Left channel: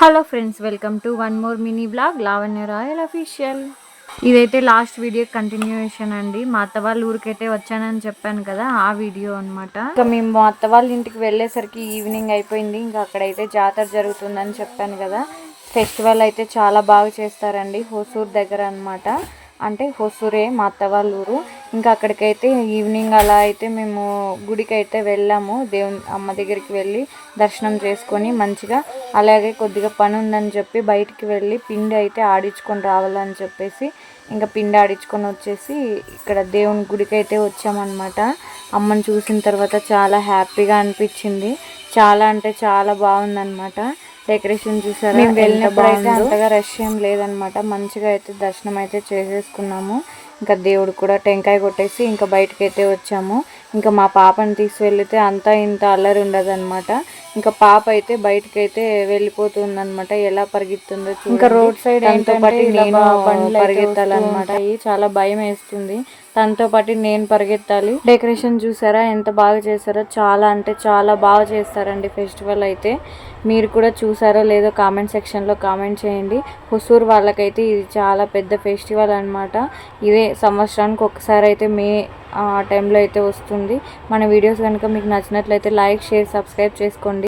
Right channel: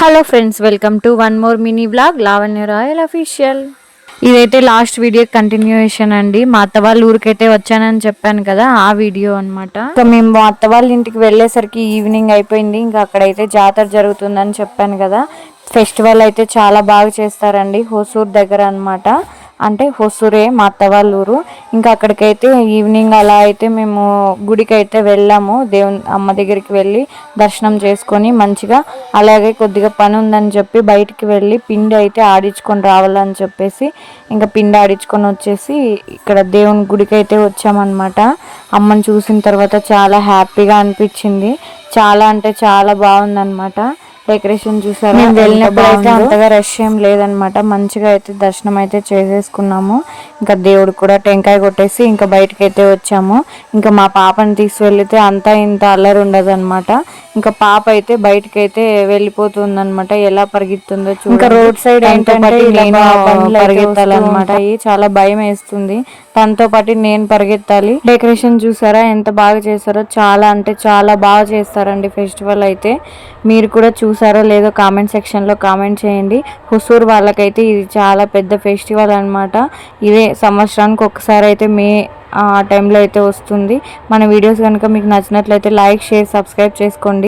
Hello friends, welcome to one more mini blog Lavanya royal official. ఇదైతే last video continuation అండి. మా అత్త వాళ్ళ ఊరికైతే వచ్చానని చెప్పాను కదా, ఆ వీడియో అనమాట. ఇంకా మేము మా అత్త వాళ్ళ ఇంటికి వెళ్ళేసరికి ఈవినింగ్ అయిపోయింది. ఇంకా అక్కడైతే జాతర జరుగుతుందని చెప్పాను కదా. ఫెస్టివల్ అయితే చాలా బాగా చేస్తారండి, హోసూర్ దగ్గర అనమాట. అంటే హొసూరే మా అత్త వాళ్ళ ఊరు. ఇంకా అక్కడికైతే ఈవినింగ్ అలా అయితే మేము గుడికి అయితే వెళ్ళాము. దేవుని అమ్మ దగ్గరికి వెళ్ళి దర్శనం చేసుకొని మంచిగా, అలాగే కొద్దిగా పని ఉందని చెప్పి బయటికి వెళ్ళి పిండి అయితే ఆడించుకొని రావాలని చెప్పేసి ఇంకా పిండి ఆడించుకొని వచ్చేసి ఇక్కడ దేవుని గుడికి అయితే వచ్చామన్నమాట. అమ్మని చూసిన తర్వాత చాలా హ్యాపీగా అనిపించింది. చాలా అంటే చాలా బాగుందన్నమాట. డెకరేషన్ చూసారా, మేము వెళ్ళినప్పుడైతే అంతగా రష్ ఏం లేదనమాట. మంచిగా అయితే దర్శనం అయితే చేసేసుకున్నాము. ఇంకా దేవుడు కూడా టెంకాయ కొట్టేసి ఇంకా బయటకు అయితే వచ్చాము. ఇంకా మా పాపని తీసుకెళ్తే అంతా ఇంత అల్లరి ఉండదు అనమాట. ఇంకా పాప అయితే బయటకి అయితే వెళ్ళిపోతుంది అనమాట. ఎలా పరిగెత్తుందో చూడండి. ఇంకా రోడ్ సైడ్ ఏంటంటే నేను పరిగెత్తాలన్నమాట. చాలా భయం వేస్తుంది. తనతో పాటు నేను పరిగెత్తాలి. డెకరేషన్ చూసారా ఎంత బాగా చేశారో, చాలా అంటే చాలా బాగా చేస్తారండి ఫెస్టివల్ అయితే. మీరు కూడా చూసారో లేదో కామెంట్ సెక్షన్లో కామెంట్ చేయండి. హుసూర్ వాళ్ళకైతే ఇది చాలా పెద్ద ఫెస్టివల్ అనమాట. ఇదే సంవత్సరానికి ఒకసారి అయితే మే ఆ టైంలో అయితే వస్తుంది. మన వీడియోస్ కనుక మీకు నచ్చినట్లయితే లైక్, షేర్, సబ్స్క్రైబ్ చేసుకోండి.